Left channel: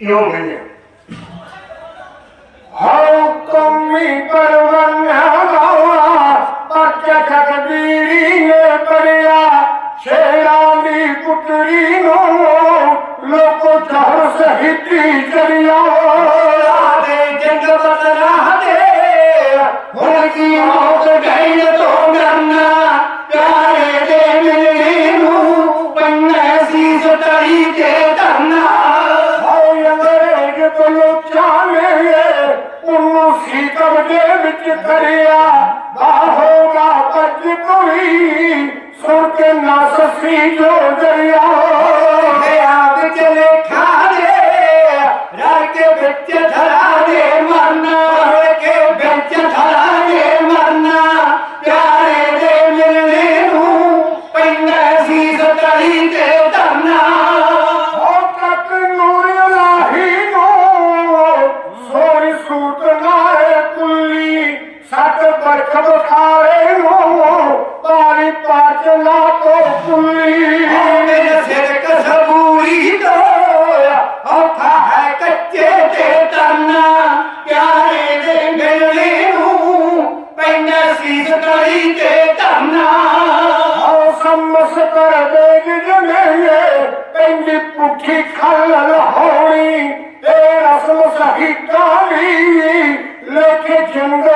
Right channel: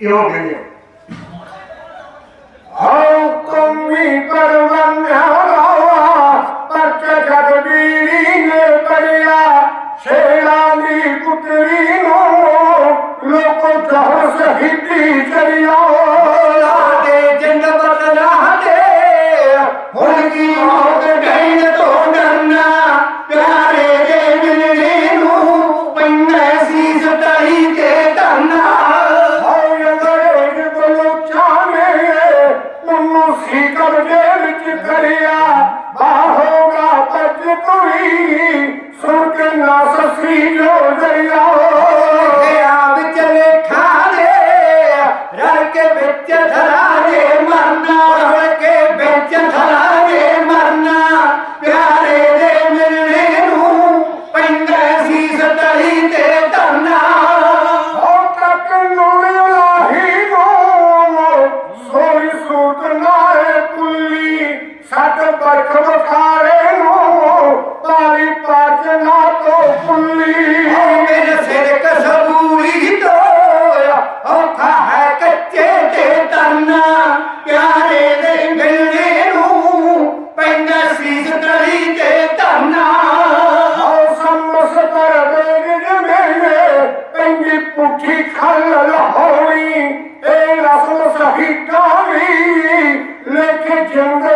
यो भेजो हौ तुम्ही करुणन हवा तक तकबीरी ने परिया शेरामी कुटरी हो लोको चहर से हिती ਸੁਣ ਦੇ ਦੇ ਪਿਆਰੇ ਦੇ ਮਿਲਣੇ ਨੂੰ ਪੈਂਦਾ ਸਤਾਈ ਤੇ ਧਰਨਾ। ਸੋਈ ਸੂਤ ਨਾਰੇ ਕੁੱਲੀ ਸਤ ਬਰਖ ਤੋਂ ਕੁੱਲੀ ਮੇਰੇ ਸਿਰ ਕਸਬੂਰੀ ਦੋਇਆ ਔਖਾ ਹੈ ਕੱਚੇ ਤੇ ਤਰਨਾ ਪਿਆਰੇ ਦੇ ਮਿਲਣੇ ਨੂੰ ਪੈਂਦਾ ਸੀ ਸਤਾਈ ਤੇ ਧਰਨਾ ਹਉ ਸਮਸ ਕਰ ਦੇਗ ਜਨੇ ਪੈਂਦੀ ਪੁੱਠੀ ਖਲ ਲਹੋਈ ਏ ਰਸਮ ਸਹੀ ਕਾਵੀ ਲੇਖੇ ਜੰਗ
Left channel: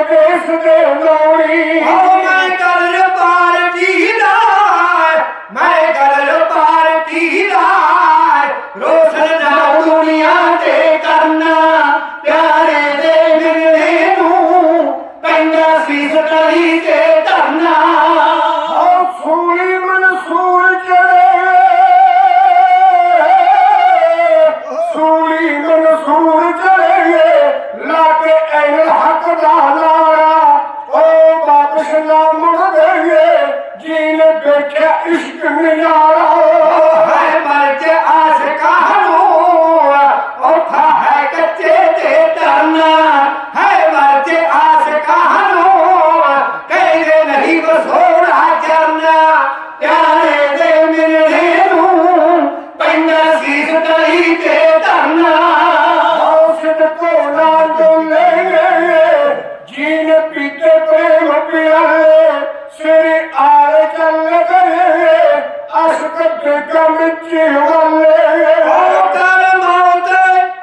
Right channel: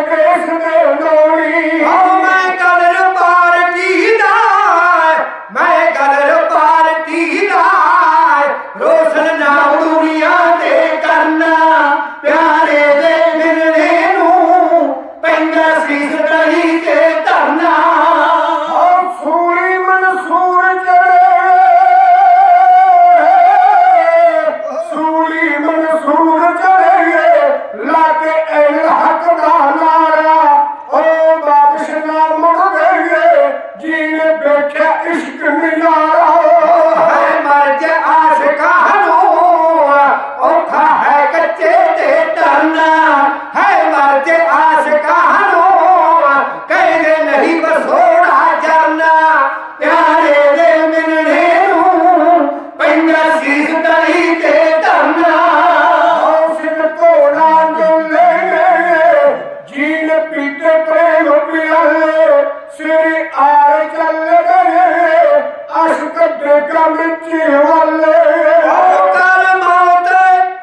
ਗਮ ਚ ਵਾਲੇ ਓ ਕਰ ਮੌਤ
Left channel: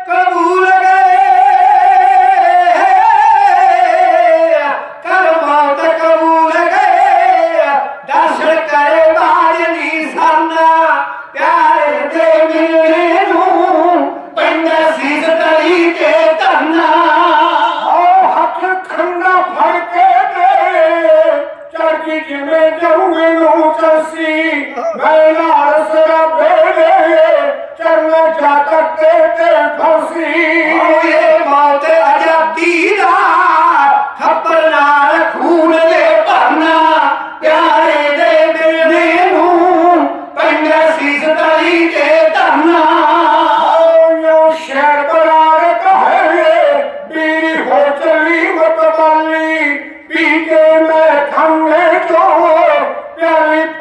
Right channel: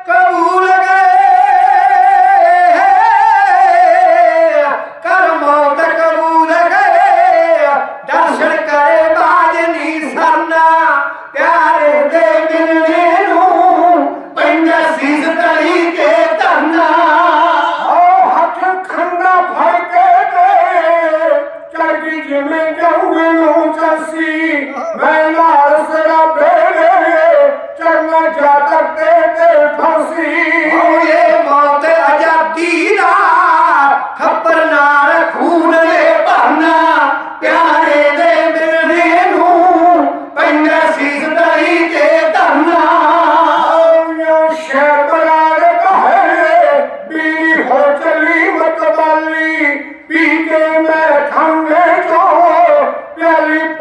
ਕਬੂਲ ਗਏ। ਕਰ ਮੌਤ ਕਬੂਲ ਗਏ। ਦਰਸ਼ਨ ਕਰੇ ਬਾਜ ਦੀ ਸਰਨਾ ਪਿਆਰੇ ਦੇ ਮਿਲਣੇ ਨੂੰ। ਪੈਂਦਾ ਸੀ ਸਤਾਈ ਤੇ ਧਰਨਾ। ਆਓ ਹੱਥ ਖੰਡਾ ਫੜ ਕੇ ਦੇ। ਚੜਦੀ ਜਿਵੇਂ ਜਾਉਂਗੇ ਨੂੰ ਚੰਸੀ ਮੈਂ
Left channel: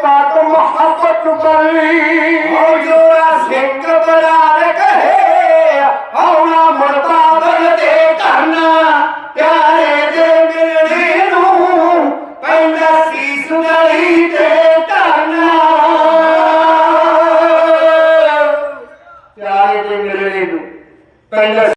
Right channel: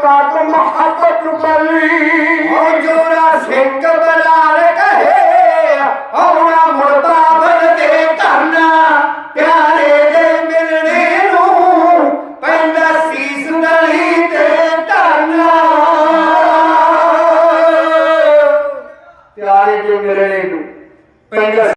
ਪਿਆਰੀ ਪਾਕ ਮੁਹੱਬਤ ਵਾਲੀ ਓ ਜੋਰਾ ਸਿੰਘ ਬਲਾਲ ਕਹੇ ਆਉਣਾ ਮੁਰਤਾਬਰ ਦੇ ਧਰਨਾ, ਪਿਆਰੇ ਦੇ ਮਿਲਣੇ ਨੂੰ ਪੈਂਦਾ ਸੀ ਸੁਣਾਈ ਤੇ ਧਰਨਾ। ਪਿਆਰੇ ਦੇ ਮਿਲਣੇ ਨੂੰ ਪੈਂਦਾ